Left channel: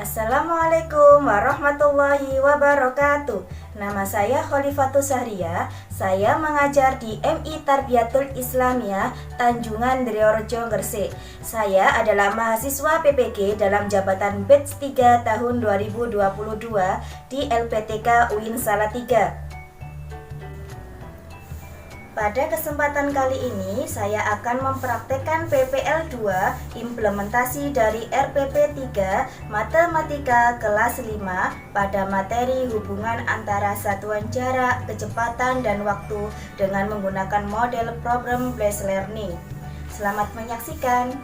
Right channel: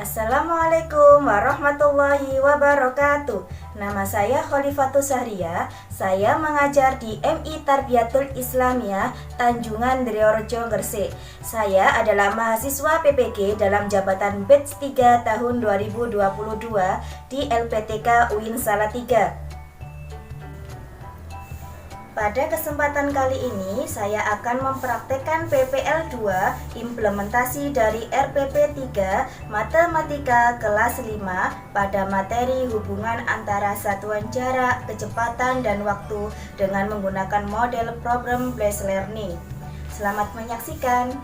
Assalamualaikum warahmatullahi wabarakatuh. Nama saya Khalifatus Sahria. Saya mengajar di MI Tarbiyatul Islamiyah Tanjungan Driorejo, Gresik. Saya adalah mahasiswa PPG dalam jabatan batch 3 tahun 2022 di LPTK UIN Salatiga. Pada kesempatan kali ini, saya akan mempraktekkan PPL 2 implementasi dari RPP 3 Matematika kelas 5 pada materi hubungan antara satuan jarak, kecepatan, dan waktu dengan menggunakan model problem based learning. Selamat menyaksikan.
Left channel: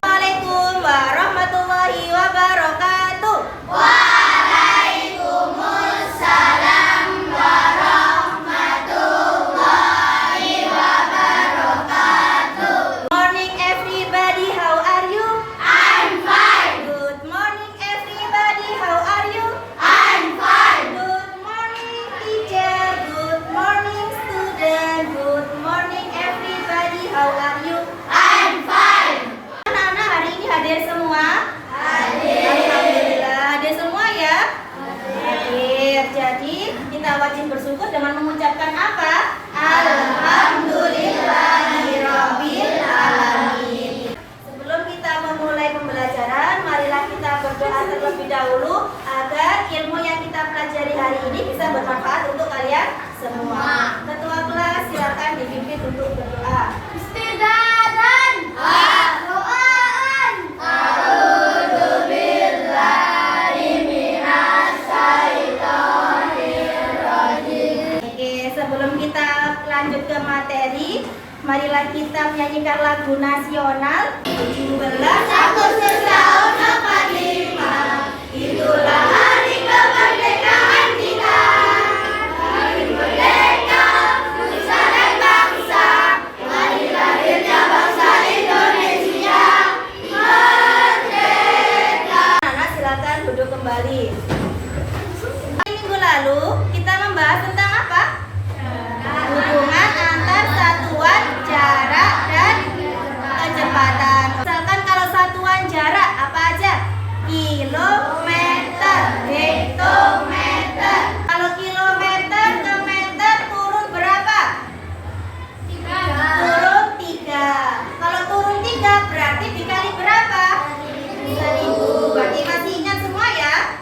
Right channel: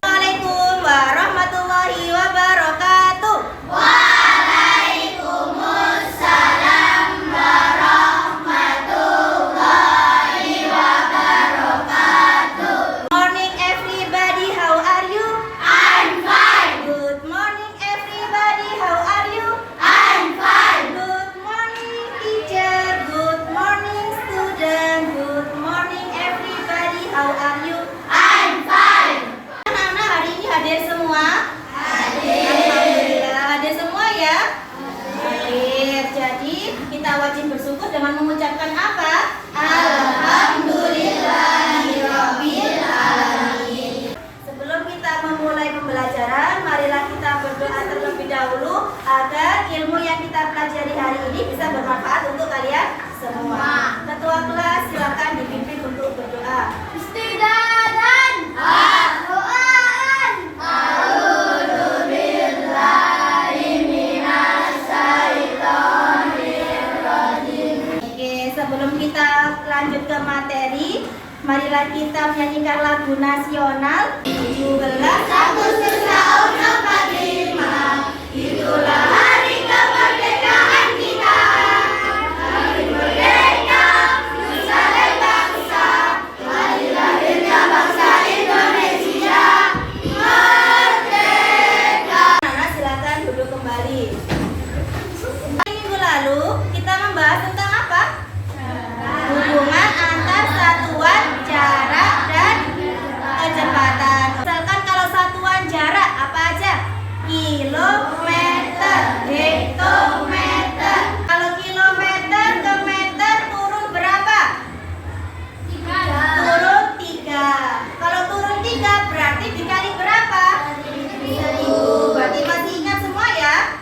Assalamualaikum warahmatullahi wabarakatuh. Waalaikumsalam warahmatullahi wabarakatuh. Morning everybody, how are you? I'm fine. Good morning everybody, how are you? I'm fine. Good morning teacher, good morning student, good morning everybody, how are you? I'm fine. Anak-anak hari ini hadir semua? Hadir. Alhamdulillah hadir semua ya? Hadir. Jadi kita wajib bersyukur dengan mengucapkan apa? Alhamdulillahirabbil alamin. Sebelum kita memulai pembelajaran, marilah kita berdoa terlebih dahulu agar ilmu yang kita pelajari hari ini bisa bermanfaat untuk kalian semua. Ketua kelas silakan dipimpin untuk berdoa. Istidadan. Doaan. A'udzu billahi minasyaitonir rajim. Oke, sebelum kita lanjut ke materi, marilah kita menyanyikan lagu nasional 17 Agustus tahun 45, itulah hari kemerdekaan kita. Hari merdeka, nusa dan bangsa, hari lahirnya bangsa Indonesia. Merdeka. Anak silakan duduk kembali. Minggu lalu kita membahas tentang apa? Hubungan antar satuan jarak dan kecepatan. Misalkan kalau satuan jarak apa aja? Kilometer, hektometer. Kalau kilometer ke meter turun berapa? Turun 3. Kalau turun 3 berarti dikali berapa? 1000. Berarti masih ingat semua ya?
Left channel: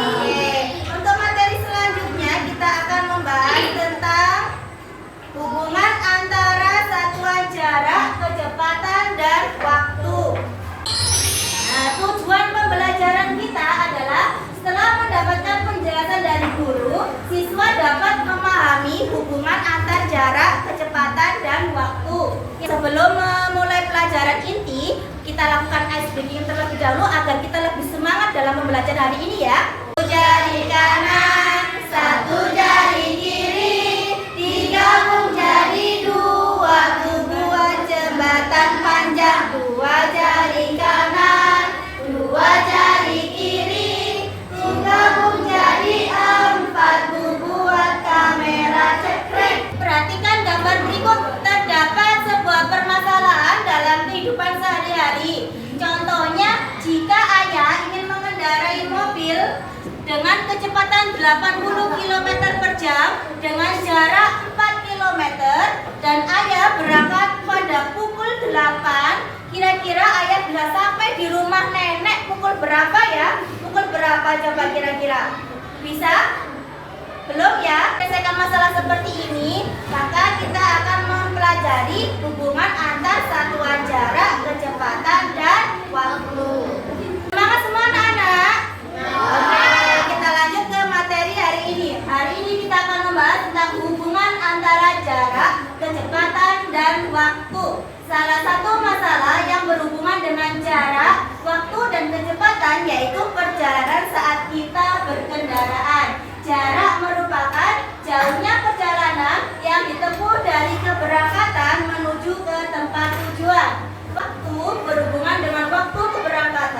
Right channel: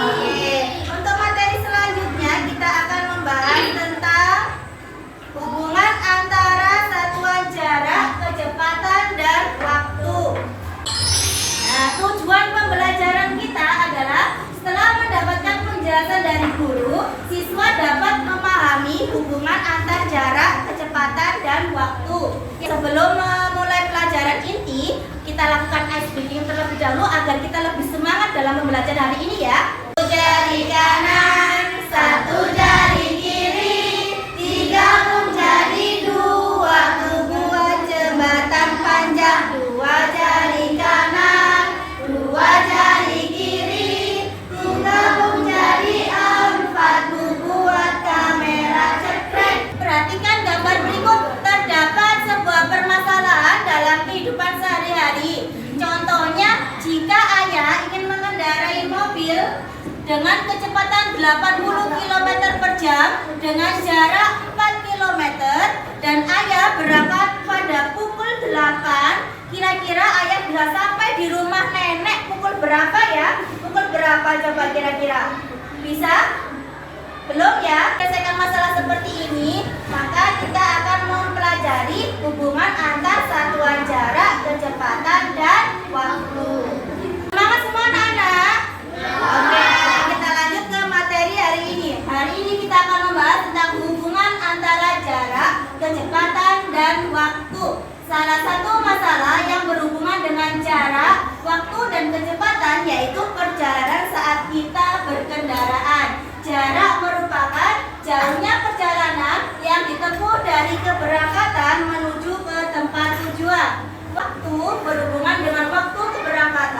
Oke. Untuk materi selanjutnya kita akan membahas tentang hubungan antara satuan jarak, kecepatan, dan waktu. Nah, tujuan pembelajaran kita adalah setelah mendapatkan penjelasan dari guru, siswa dapat memahami hubungan antar jarak, kecepatan, dan waktu. Sebelum memulai pelajaran inti, kita lakukan ice breaking terlebih dahulu agar kita lebih semangat dalam pembelajaran hari ini ya. Satu jari kanan, satu jari kiri, digabung jadi 2, buat jembatan panjang. 2 jari kanan, 2 jari kiri, gabung jadi 4, buat kamera cekrek. Perhatikan gambar berikut. Terdapat sebuah permasalahan dalam kehidupan sehari-hari. Contohnya, jika ayah ingin mengendarai mobil dengan kecepatan 80 km per jam dengan jarak 4 km dan ayah berangkat pada pukul 8, kira-kira ayah bisa sampai di rumah nenek pukul berapa ya? Pukul berapa coba kira-kira? Bisa? Belum ya? Selesaikan masalah seperti ini, maka kita akan mempelajari hubungan antar satuan jarak, kecepatan, dan waktu. Semangat semua anak-anak? Oke, kita lanjut ke materi hari ini. Hari ini kita akan membahas tentang hubungan antara jarak, kecepatan, dan waktu. Salah satu masalah yang berhubungan dengan jarak, waktu, dan kecepatan yaitu perjalanan saat kita berkendaraan. Jarak merupakan jauhnya perjalanan yang ditempuh dari keberangkatan menuju ke tempat tujuan. Waktu berhubungan dengan waktu keberangkatan.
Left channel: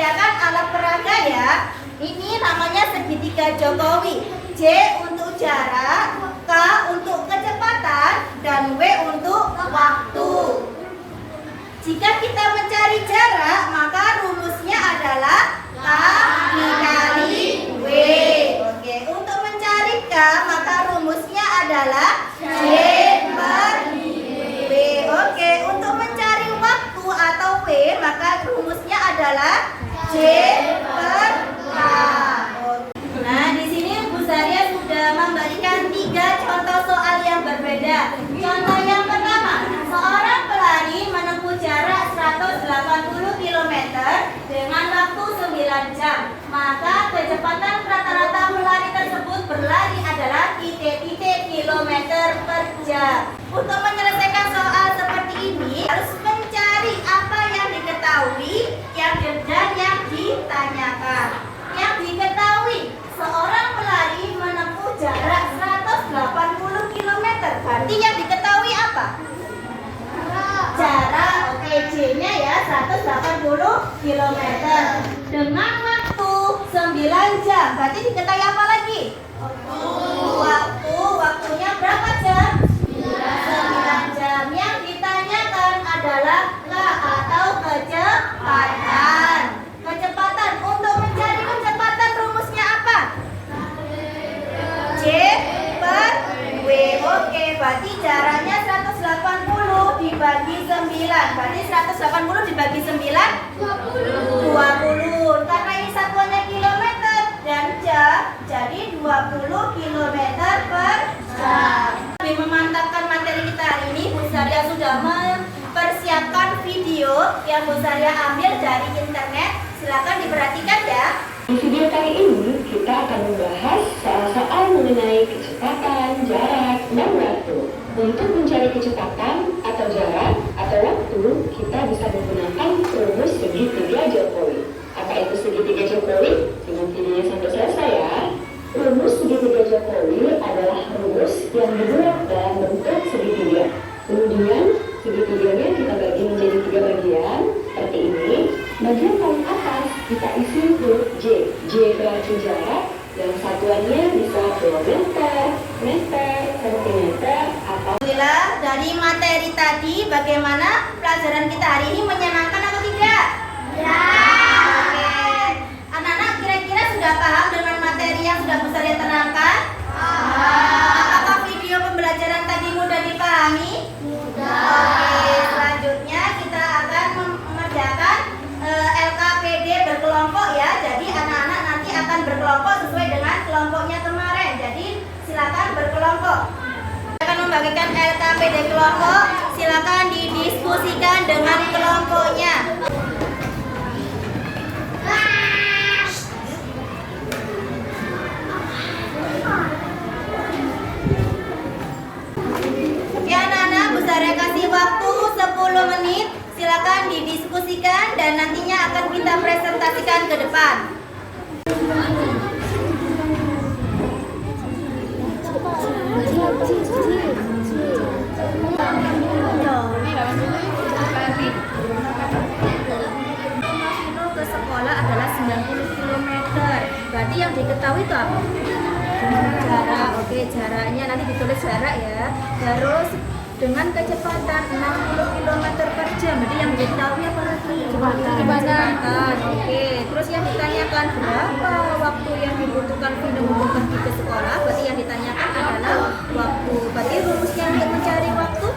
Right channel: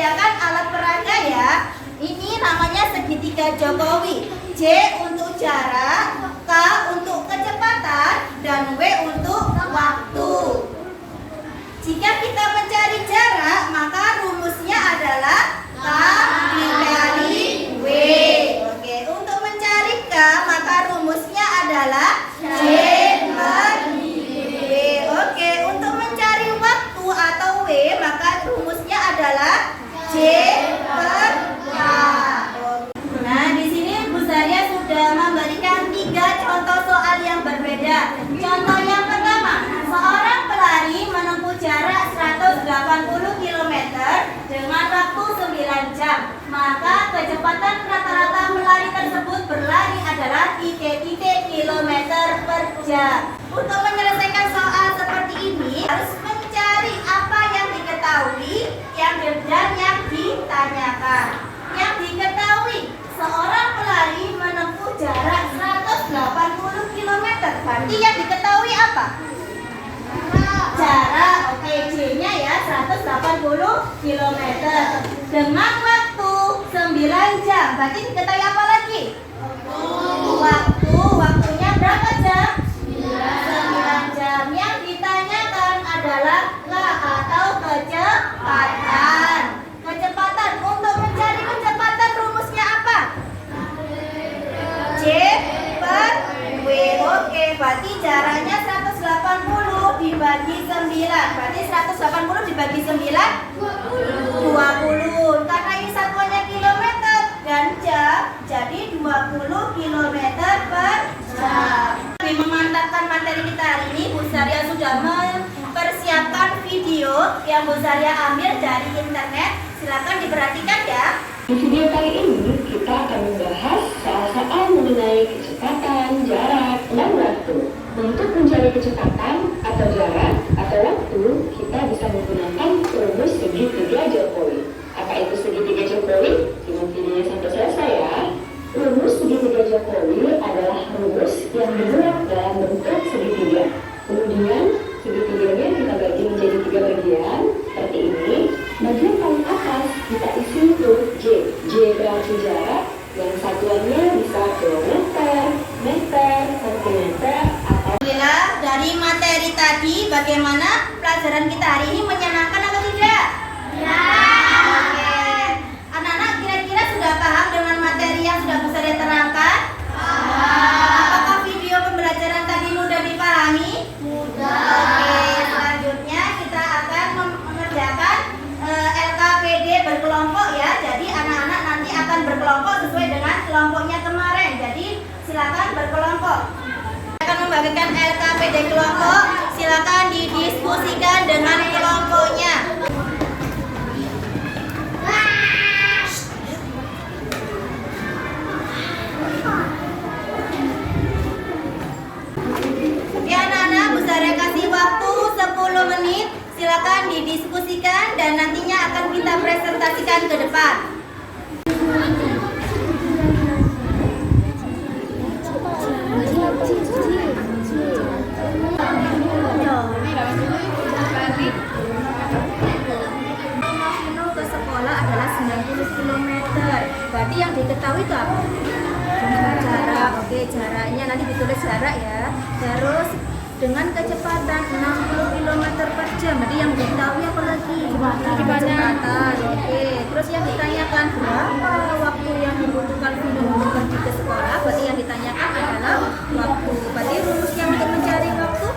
menyediakan alat peraga ya. Ini namanya segitiga Jokowi. J untuk jarak, K untuk kecepatan, dan W untuk waktu. Jika kita mencari jarak, maka rumusnya adalah K dikali W. Oke, untuk mencari K, maka rumusnya adalah J per W. Oke, untuk mencari waktu atau W, maka rumusnya adalah J per K. Nah, di sini Bu Zaria sudah memberikan 3 contoh soal yang berbeda. Contoh yang pertama, seorang pelari menempuh jarak 180 km dengan waktu 9 jam. Maka kecepatan rata-rata pelari tersebut berlari adalah titik-titik kilometer per jam. Untuk menyelesaikan soal seperti ini, harus mencari apa yang diketahui dan yang ditanyakan. Yang diketahui, seorang pelari menempuh jarak 180 km. Berarti yang diketahui apa? Jarak, oke, J-nya ya 180 km. Dengan waktu 9 jam. Berarti diketahui apa lagi? Waktunya berapa jam? 9 jam. Yang ditanyakan adalah K atau kecepatan. Kecepatan, untuk mencari kecepatan rumusnya apa? J per W. Oke, berarti jaraknya 180 dibagi 9. Berarti 180 dibagi 9 20. Karena ini satuannya kilometer dan jam, jadi 20 km per jam. Demi memantapkan materi kita hari ini, Bu Zaria sudah mempersiapkan video yang Bu Zaria ambil dari internet. Silakan diperhatikan ya. Di video kali ini kita akan membahas soal-soal mengenai kecepatan, jarak, dan waktu. Untuk mencari kecepatan atau jarak atau waktu, kita bisa menggunakan rumus segitiga Jokowi. Apa itu segitiga Jokowi? Dengan videonya sampai selesai ya. Rumus segitiga Jokowi adalah rumus yang dibuat dalam bentuk segitiga. Kemudian segitiganya kita bagi menjadi 3 bagian seperti ini. Bagian paling atas kita isi huruf J. J berarti jarak dan satuannya bisa kilometer, meter, sentimeter, atau. Bila dari materi tadi, bagaimana pelajaran kita hari ini, menyenangkan atau tidak? Ya. Oke. Anak-anak kira-kira sudah paham dengan materi yang sudah Bu Zaria terangkan? Apakah video pembelajaran tadi mudah dipahami? Mudah. Oke, selanjutnya kita akan mengerjakan LKPD berkelompok ya. Jadi anak-anak nanti akan berkelompok sesuai dengan kelompoknya kemarin. Jadi silakan berkelompok. Akan membagikan LKPD kelompok. Silakan didiskusikan dengan kelompoknya. Oke anak-anak, Bu Zaria kasih waktu 10 menit. Silakan didiskusikan dan nantinya akan kita presentasikan ke depan. Rumah ke sekolah adalah 90 km. Berarti yang diketahui itu apa? Jarak. Oke, jaraknya nanti ditulis jarak ya. Terus dengan kecepatan 60 km per jam. Jadi yang diketahui apa lagi? Kecepatan. Oke. Terus yang ditanyakan berapa waktu yang dibutuhkan Vino untuk pergi ke sekolah. Berarti yang ditanyakan adalah waktu. Berarti rumusnya untuk mencari waktu.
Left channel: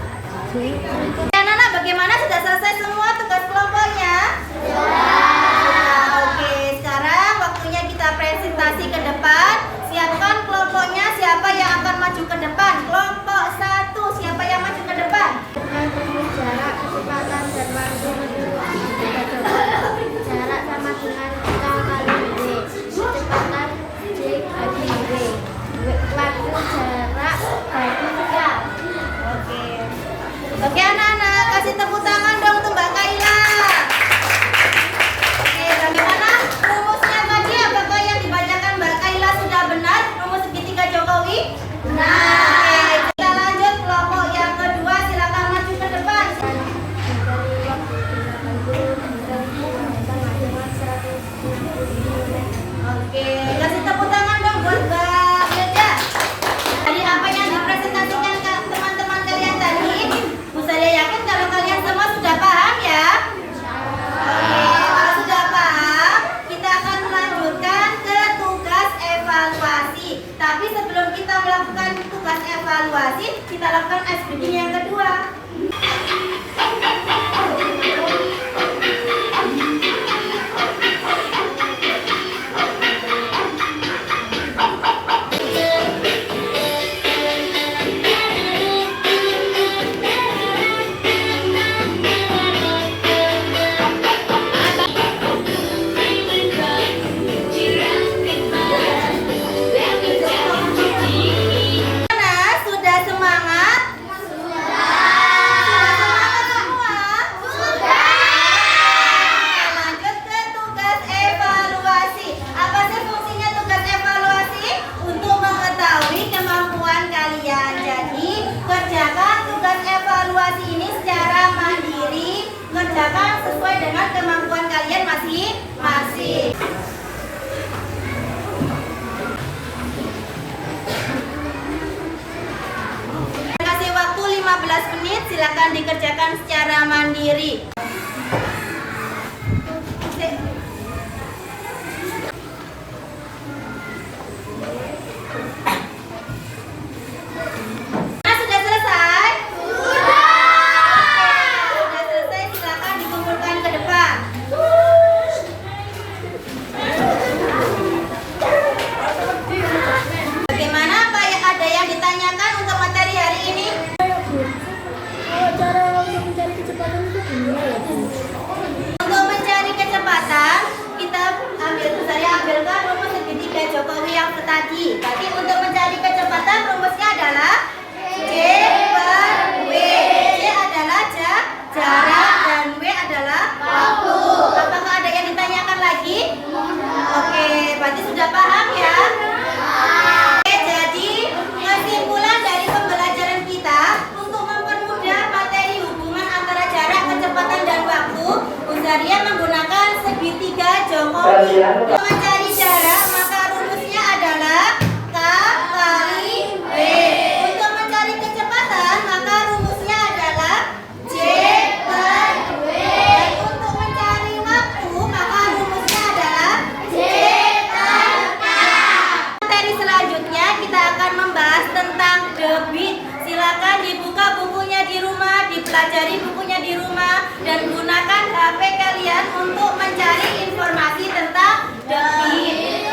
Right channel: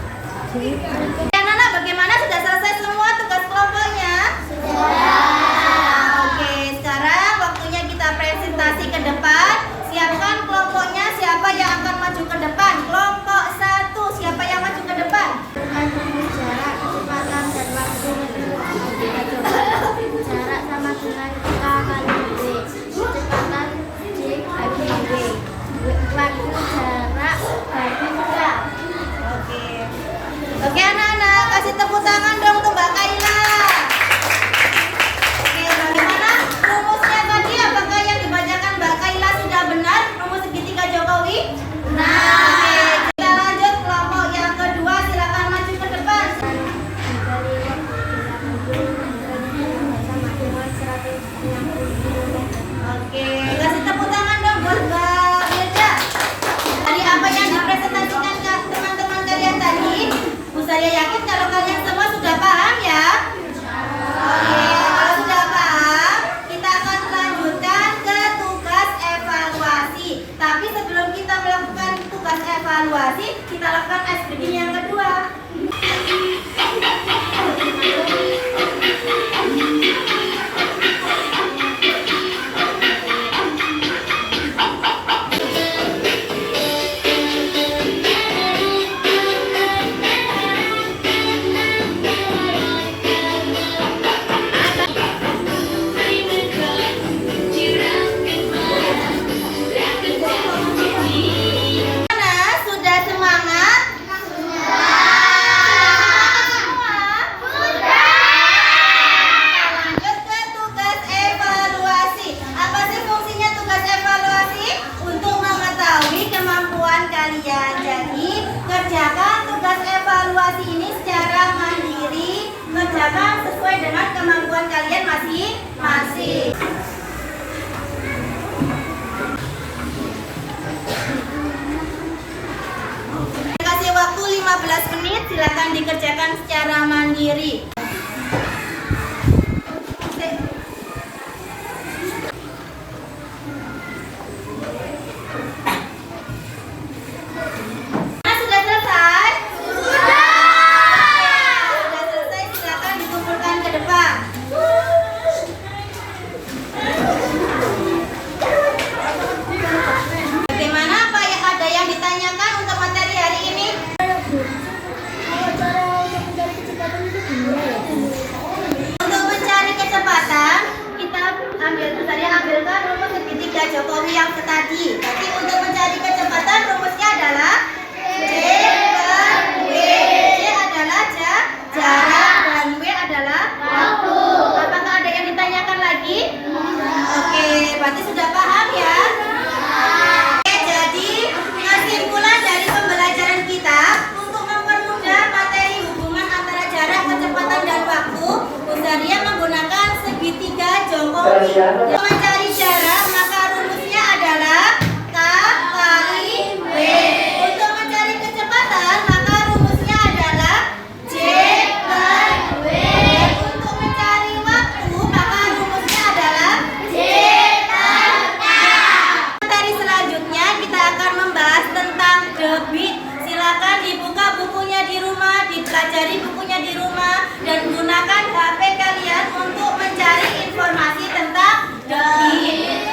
Anak-anak, bagaimana, sudah selesai semua tugas kelompoknya? Sudah. Oke, sekarang waktunya kita presentasi ke depan. Siapkan kelompoknya, siapa yang akan maju ke depan? Kelompok 1, siapa yang maju ke depan? Dengan rumus jarak, kecepatan, dan waktu menurut kita coba. Jarak sama dengan K kali W. Kecepatan J bagi W. Waktu jarak bagi jam. Oke. Oke anak-anak, kasih tepuk tangan dong untuk Mbak Kaila. Oke, bagaimana rumusnya tadi? Apakah yang dibacakan Mbak Kaila sudah benar? Rumus segitiga Jokowi? Benar. Oke, kita lanjut kelompok yang kedua. Silakan maju ke depan. Dari waktu 80 dan silakan SPG-nya yang kedua. Sudah semangat? Lanjut ke tugas evaluasi. Apa sih fungsinya tugas evaluasi? Untuk mengetahui kemampuan kalian. Jadi, kerjakan tugas evaluasi ini secara mandiri. Kerjakan sesuai dengan kemampuan kalian masing-masing. Kasih waktu 15 menit, silakan dikerjakan secara mandiri. Nah, sudah selesai? Sudah selesai, silakan dikumpulkan ke depan. Bagaimana Pak? Ada yang ditanyakan untuk materi hari ini? Kalau cara untuk mencari kecepatan itu gimana ya, Bu? Untuk mencari kecepatan, kita ambilkan rumus segitiga Jokowi yang tadi. Tapi untuk mencari kecepatan rumusnya adalah J per W. J adalah jarak dan W adalah waktu. Apakah ada yang ditanyakan lagi? Oke, berarti sudah paham ya? Oke, jadi kesimpulan dari pembelajaran kita untuk mempermudah materi hubungan antara jarak, kecepatan, dan waktu, Uzaria menggunakan segitiga Jokowi. Untuk mencari jarak, maka rumusnya adalah K kali W. Untuk mencari kecepatan, maka rumusnya adalah J per W. Dan untuk mencari waktu, maka rumusnya adalah J per K. Materi selanjutnya kita akan membahas tentang debit. Silakan dibuka bukunya di rumah, dipelajari bukunya di rumah, dan gunakan HP kalian untuk mencari informasi tentang debit.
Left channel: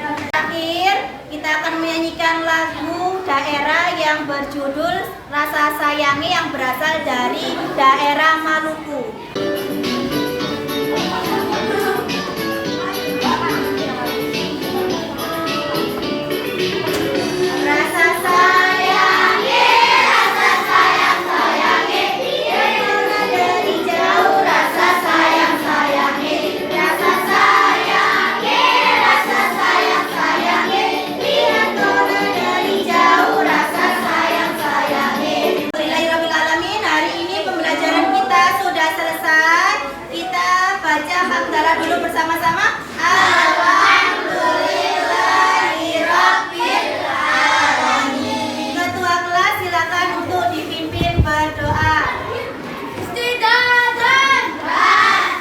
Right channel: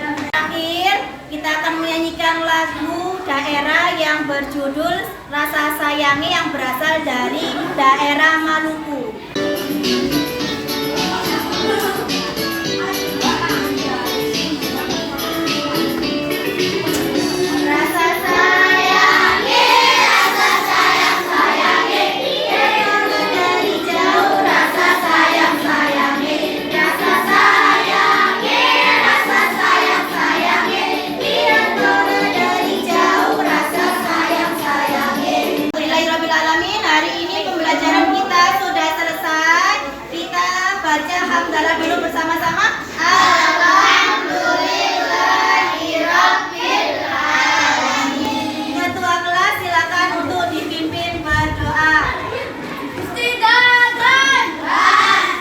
Terakhir, kita akan menyanyikan lagu daerah yang berjudul Rasa Sayangi yang berasal dari daerah Maluku. Rasa sayangi, rasa sayang sayangi, datang dari jauh. Rasa sayang sayangi, rasa sayangi, rasa sayang sayangi, lihat bola dari jauh. Rasa sayang sayangi. Alhamdulillahirobbilalamin. Hari ini pembelajaran kita sudah selesai. Kita baca hamdalah dulu bersama-sama. Alhamdulillahirobbil alamin. Ketua kelas silakan untuk dipimpin berdoa. Istighfar,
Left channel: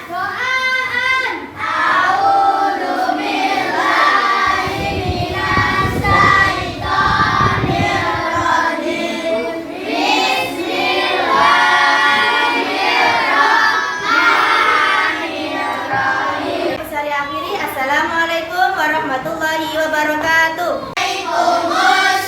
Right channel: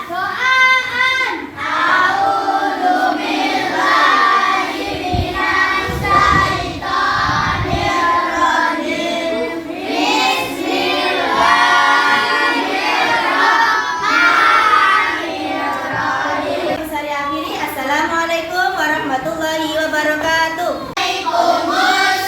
doaan. A'udzubillahi minasyaitonirrajim. Bismillahirrahmanirrahim. Saya akhiri. Assalamualaikum warahmatullahi wabarakatuh. Waalaikumsalam.